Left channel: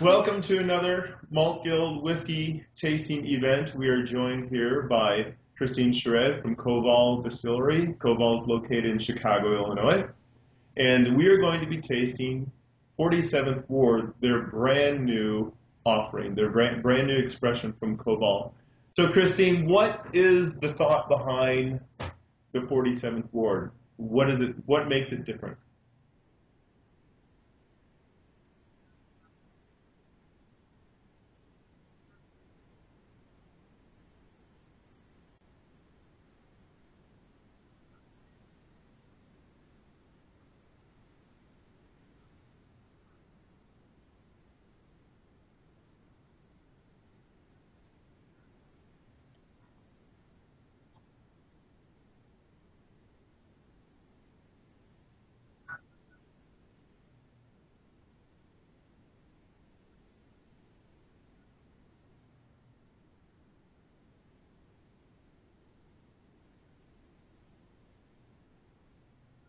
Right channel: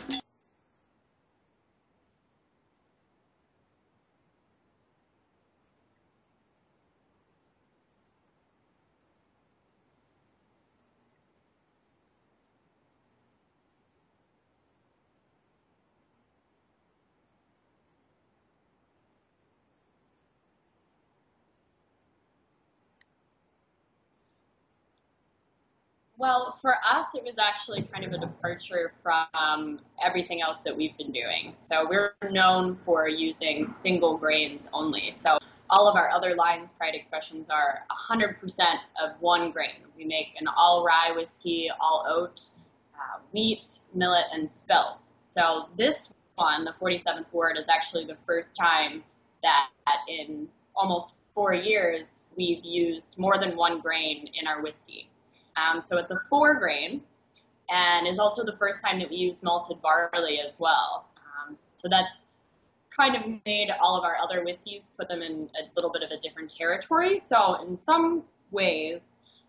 Welcome to another Malt Guild whiskey tasting event. We are joined here by Christine Shared from Koval Distillery. Koval is located in Chicago, Illinois. And we are going to be tasting 47th Ward, their brand new offering, their brand new expression from Koval. So Christine, what is the thought behind the 47th Ward? What is it? What makes it different? Well, for us, it was actually kind of a departure from everything else that we've been doing. So we're known for using single grains only. So all of our other lines, Pride Expressions, are 100% of one grain. We make an all rye whiskey, all oat, wheat, millet, and spelt. So this one, the 47th Ward, is actually the first time that in almost 4 years we've used more than one grain in our whiskey. So it's a 4 grain, and is also the first time that we use malted barley as well. So that's kind of made all of our other whiskeys, put them in a little bit of a different territory. So in some ways,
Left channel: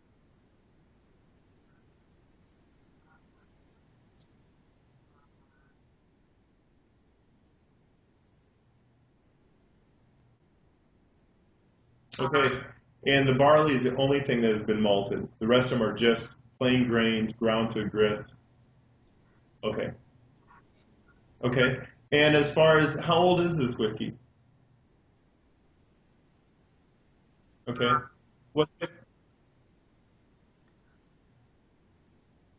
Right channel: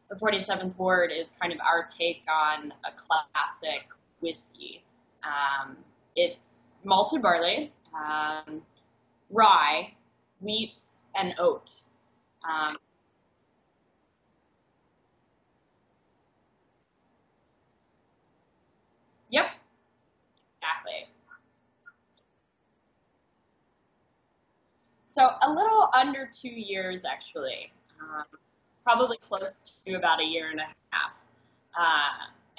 the 47th Ward is kind of our take on a classic whiskey. It's malted barley, rye, wheat, and oat. Okay. And the barley is the only thing that has been malted. The rest of them are just plain grains ground to grist. Yep. Okay. Exactly. Okay. And as far as how old is this whiskey? So a little under 2 years, actually. Okay. Probably close to about a year and a half.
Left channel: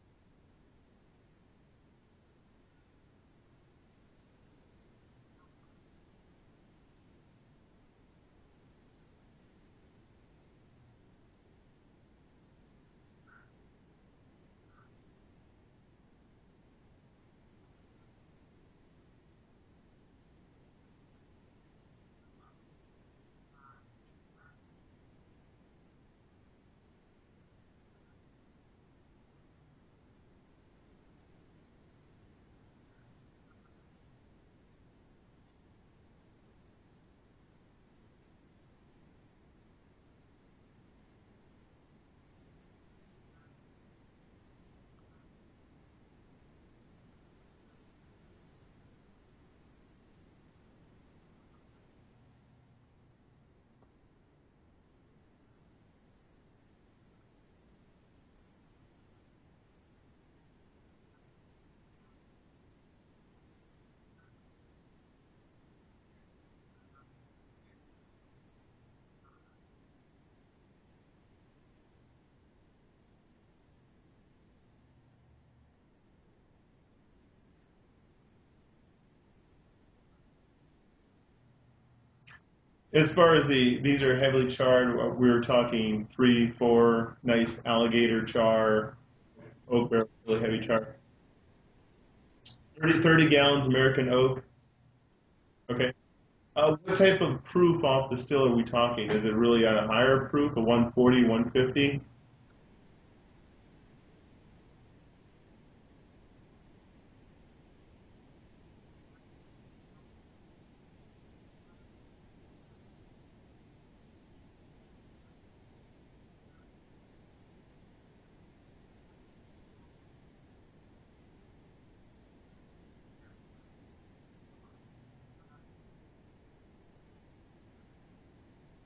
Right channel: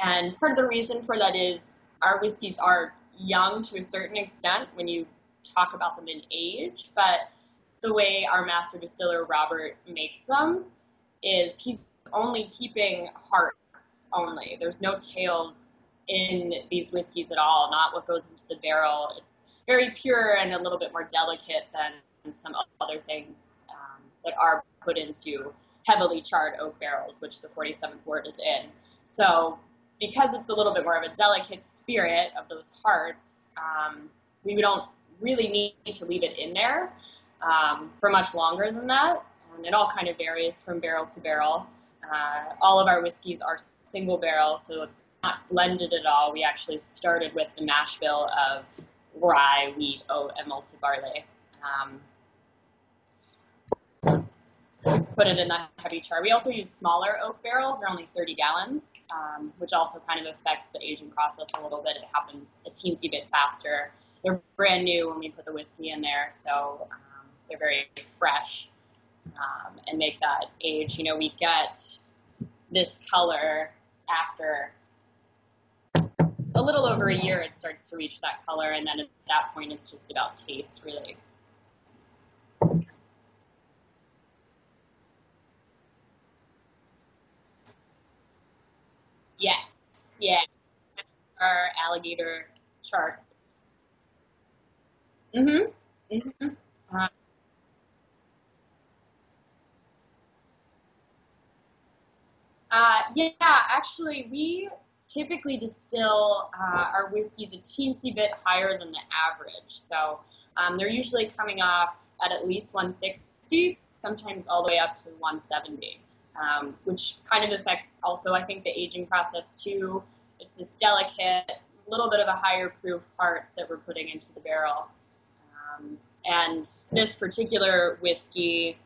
And part of the reason for that is our whiskeys are young to a certain extent when you talk about them in age, but the way our master distiller Robert makes them is he's only keeping hearts only. There's no tails in these whiskeys at all, not what goes into the barrel. It's very pure and a little bit more delicate than some other things that are put into heavily charred oak barrels, which the 47th Ward is in. So because it's a little bit more of a delicate spirit of those hearts, we don't really need to leave it in there for much longer than that, and it all kind of varies from barrel to barrel. All of our whiskeys are single barrel, so it's not blended at all. We actually started with the mash bill of rye, wheat, oat, and malted barley. Put it in that heavy char. We also use smaller oak barrels. They're only 30 gallons, which also kind of affects the aging process a little bit. It happens a teensy bit faster. They're brand new when we put the whiskey in there, so they're very fresh and make that age. You know, we get this color after a little over a year. It starts to reach that color, and then at that point, it's just about taste, really. As far as these are heavily charred, we were talking 3, 4 nice alligator char. Yeah. Oak barrel, yeah. Heavy char. Our alligator. 30 gallons American oak. Mm-hmm. Okay. Mm-hmm. What type of proof off the still are we talking? Is it really at a higher proof, a 140, 150? Yeah, actually, we typically distill our whiskeys a teensy bit higher than the average. So they're usually coming off at least 160, sometimes all the way up to 170, which kind of affects also, I think, the aging process too. It's this delicate, little bit of a higher proof hearts that we're putting into the barrel. And this particular whiskey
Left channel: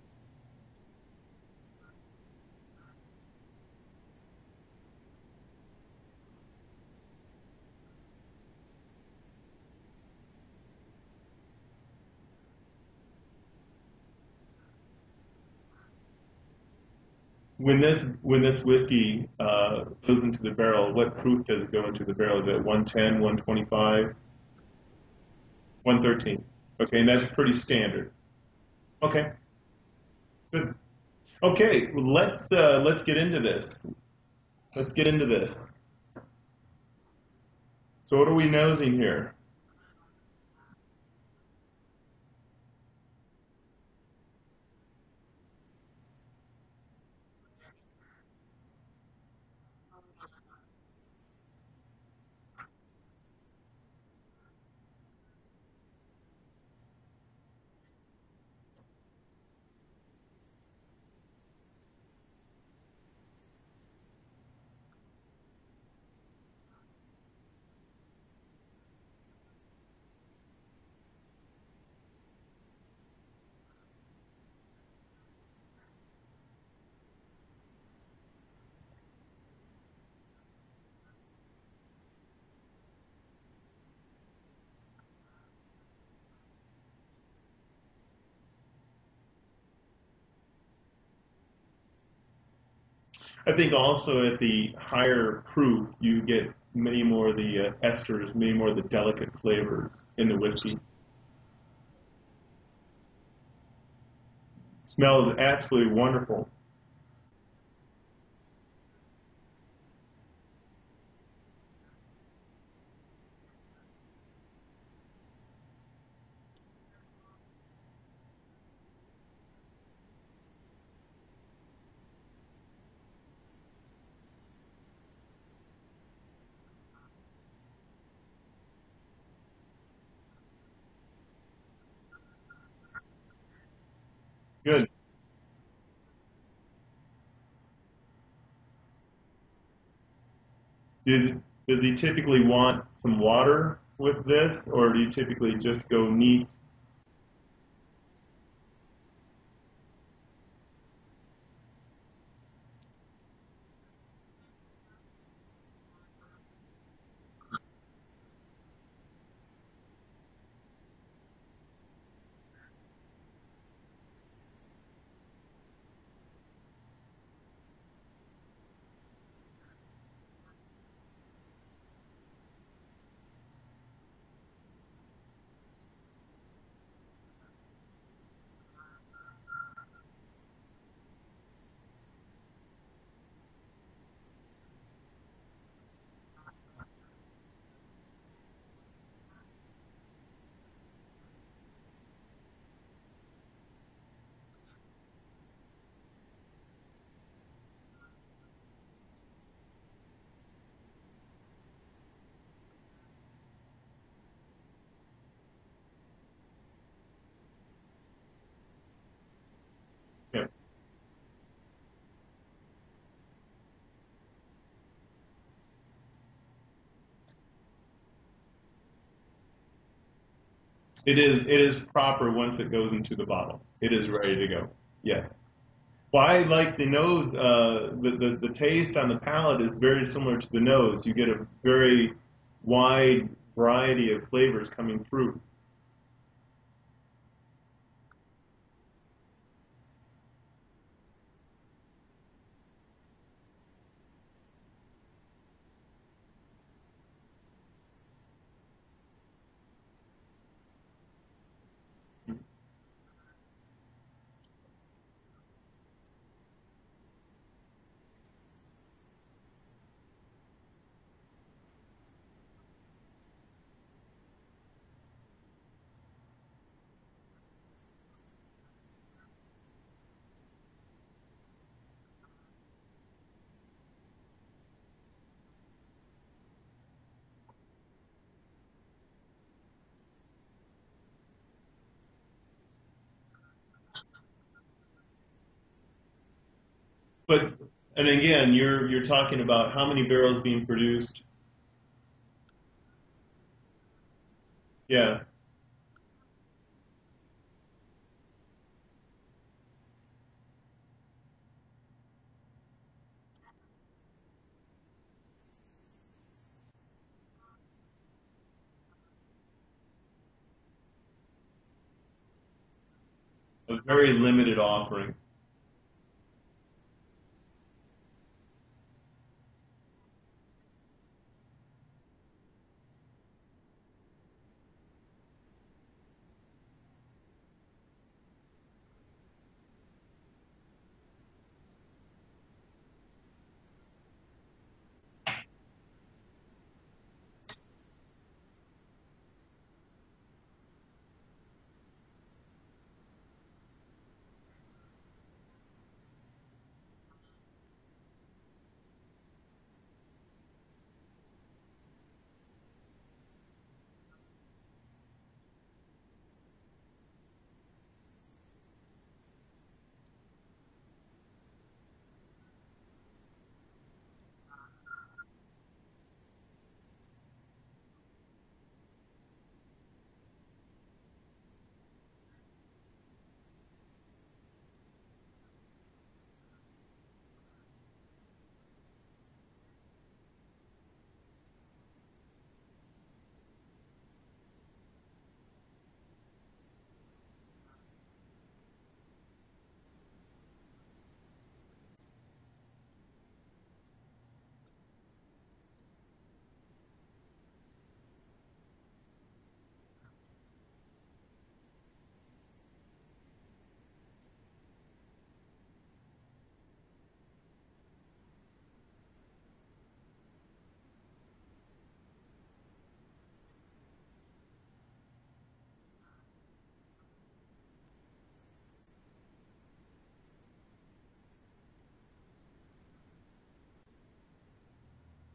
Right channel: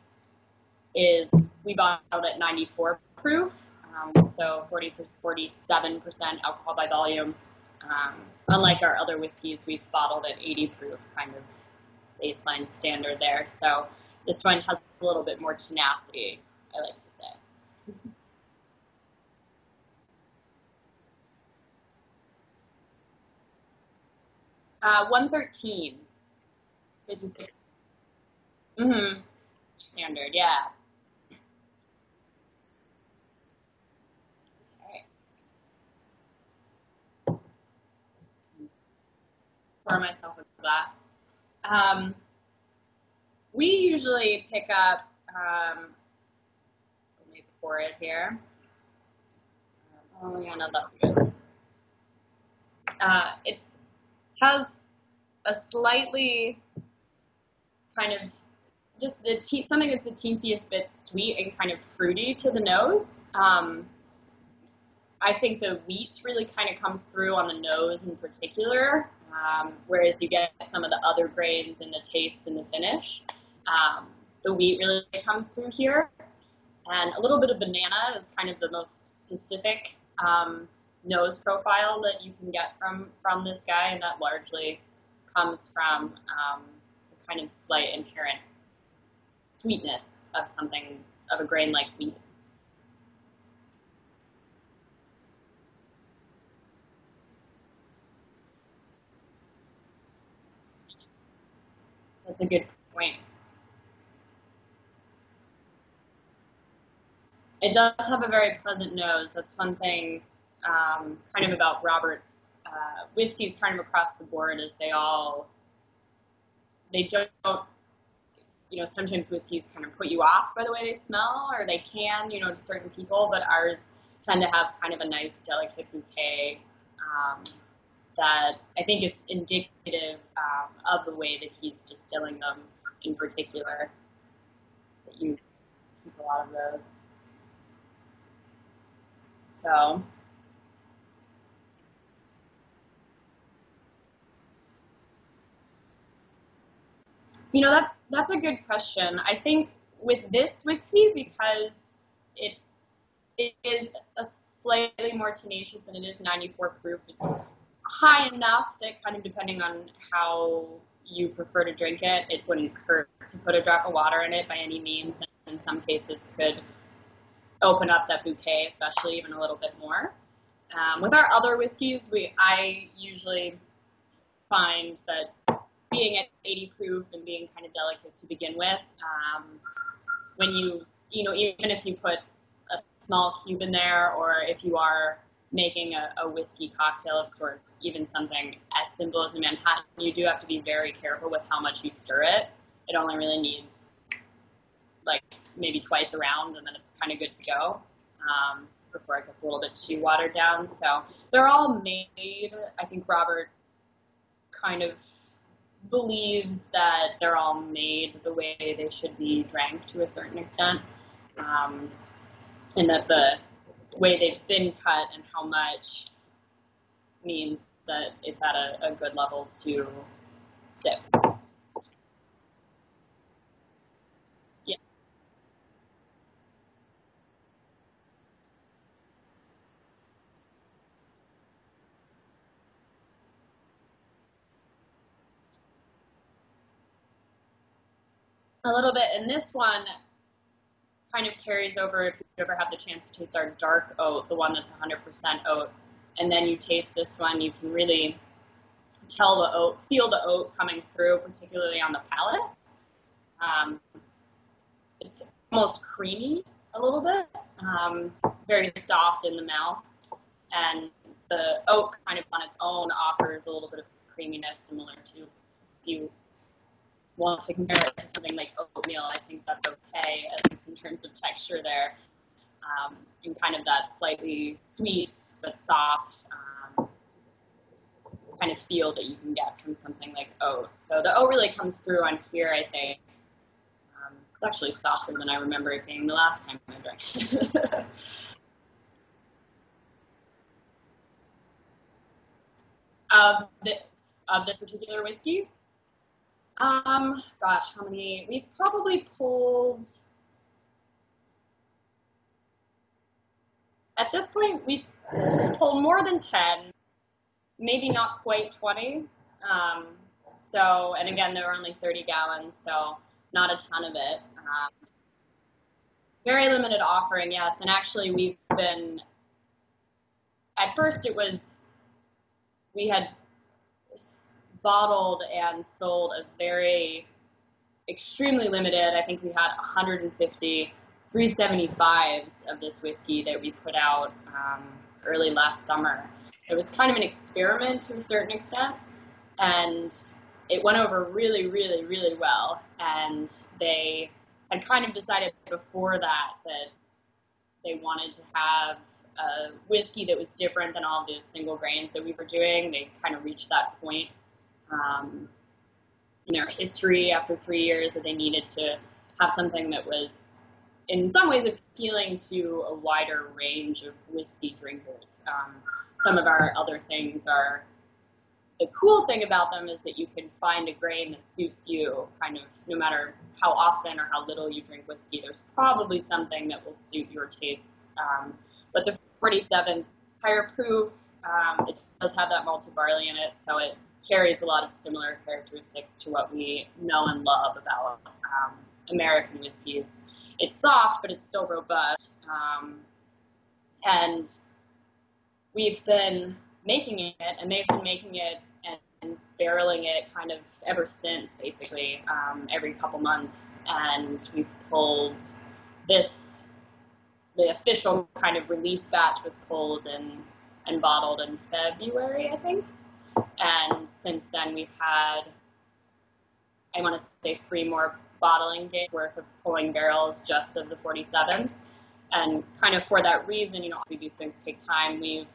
we bought out at 94 proof, so 47% alcohol by volume. Unlike our other whiskeys, we've bottled at 80 proof, kind of baseline standard there. So this one has a little bit more tenacity, I like to say. When this whiskey goes into the barrel, what proof does it go into the barrel? Is it 110, 125? 113. 113. Okay, and that's pretty standard. Mm-hmm. Okay. Standard, yeah. Good. Okay, well, let's get into this. Let's get into this. So what are we nosing here? Pour myself with that. We usually pick up. Let me pour it here. Oh yeah, no, that's good. It has a slightly kind of just something that's the teensiest bit sweet and kind of fruity to the nose. I think the wheat really kind of comes through on the nose in particular, whereas you get some of the other grains in the taste and the finish. The wheat really comes through here, and a little bit of banana is kind of the most specific nose profile that you can get from this guy, and that largely comes from kind of slight inherent sweetness of a grain like wheat. I think also at the higher proof, you get many more of the esters, many more of the delicate flavors in the whiskey. That's a good point. Smells absolutely wonderful. It does have a very pleasant nose. That's one thing kind of about Robert's whiskeys kind of across the board is they don't, sometimes whiskeys kind of put you off by the way they smell, or they can, to certain people, but ours tend to have kind of a nice, delicate bouquet that I think is indicative of the way that he's distilling them in particular. Good. That you keep a lot of those. So. Does he typically want some water with this, or do you typically just go neat? That's a good question. I think with this whiskey, because it is a slightly more tenacious and it is 94 proof, it's high enough that kind of depending on how you prefer to drink it, it wouldn't hurt to put a drop of water in it by any means, and in some cases could open up that bouquet, especially even a little bit more. With our other whiskeys, I usually find that being at 80 proof and being kind of delicate to begin with, when even if you put a small cube in there, or if you are making a whiskey cocktail of sorts, even something as simple as a Manhattan, you do have to be very careful with how much you stir it. It only really needs like maybe twice around, and then it's kind of good to go before it gets a little bit too watered down. So they're all made, I think Robert kind of believes that they're all made the way they should be drank to a certain extent, and that the way they've been cut and how much means that it's at a good level to sip. It is proper once it goes into the bottle. It is ready to go. Yeah. Yes. Well, I like the nose. The taste on the palate is very similar to the nose. You get a very wide variety of flavors coming through. A little bit, and this one kind of carries over if you ever have the chance to taste our dark oat, the one that's 100% oat, and then you taste this one, you can really feel the oat coming through, particularly on the palate. It's almost creamy a little bit, very soft in the mouth, and the oat kind of on its own offers a little bit of creaminess similar to, if you want to compare it to something like oatmeal, I think that's okay, at least in terms of texture there, and kind of that slightly sweet but soft kind of feel that you can get from something like oat. So the oat really comes through on here, I think. It's actually softer than I remember it being the last time I drank it. But, and again, you're talking about how many barrels being produced? Of this particular whiskey? Gosh, how many? We've probably pulled, at this point, we've pulled more than 10, maybe not quite 20. So, and again, there were only 30 gallons, so not a ton of it. Very limited offering. Very limited offering, yes. And actually, we've been, at first we had bottled and sold a very extremely limited, I think we had 150 375s of this whiskey that we put out early last summer. It was kind of an experiment to a certain extent, and it went over really, really, really well. And they had kind of decided before that they wanted to have a whiskey that was different than all the single grains that we were doing. They kind of reached that point in their history after 3 years that they needed to have something that was in some ways appealing to a wider range of whiskey drinkers. Some of our other things are, the cool thing about them is that you can find a grain that suits you kind of no matter how often or how little you drink whiskey. There's probably something that will suit your tastes. But the 47, higher proof, it does have that malted barley in it, so it carries a lot of similar characteristics to what we know and love about American whiskeys. It's soft, but it's still robust. And we've been making it, and they've been making it and barreling it kind of ever since, basically, every couple months. And we've pulled this, the official kind of release batch was pulled and bottled in February, I think. And since then we've had, I want to say, 3 more bottling days worth of pulling barrels just of the 47. And kind of for that reason, you know, obviously these things take time. We've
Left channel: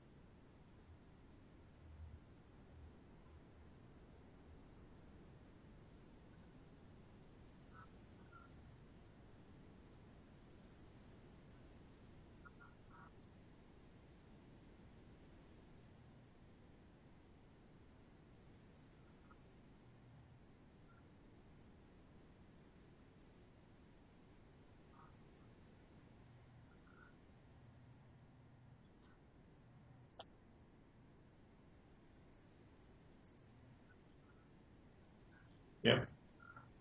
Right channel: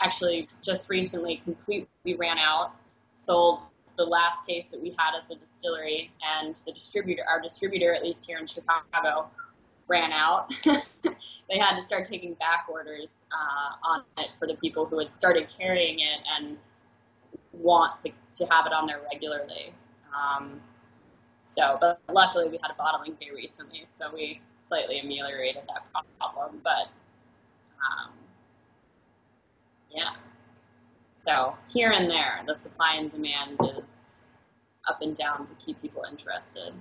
actually just recently completely ran out, sold the last case that we had at the distillery, and the distributor, our distributor, at least here in Chicago, ran out. They had to start taking back orders on it for the people who had started carrying it and want to have it on there regularly. But luckily we had a bottling day recently, so we slightly ameliorated that problem. But yeah, so here and there, the supply and demand is up and down to keep people interested.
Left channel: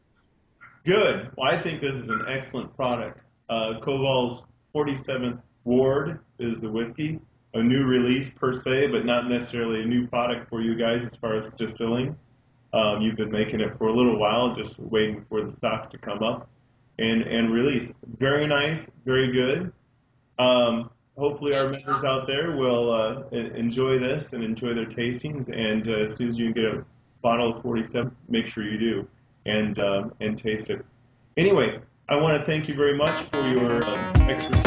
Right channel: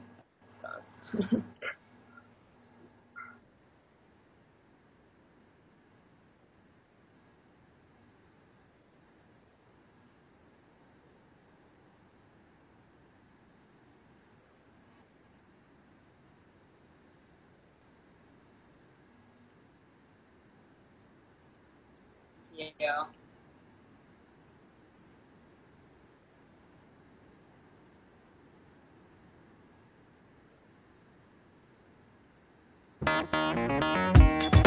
Good. Well, I think this is an excellent product. Koval's 47th Ward is the whiskey, a new release per se, but not necessarily a new product for you guys as far as distilling. You've been making it for a little while, just waiting for the stocks to come up and release. Very nice, very good. Hopefully our members out there will enjoy this and enjoy their tastings. And as soon as you get a bottle of 47, make sure you do and taste it. Anyway, I want to thank you very much for your expertise.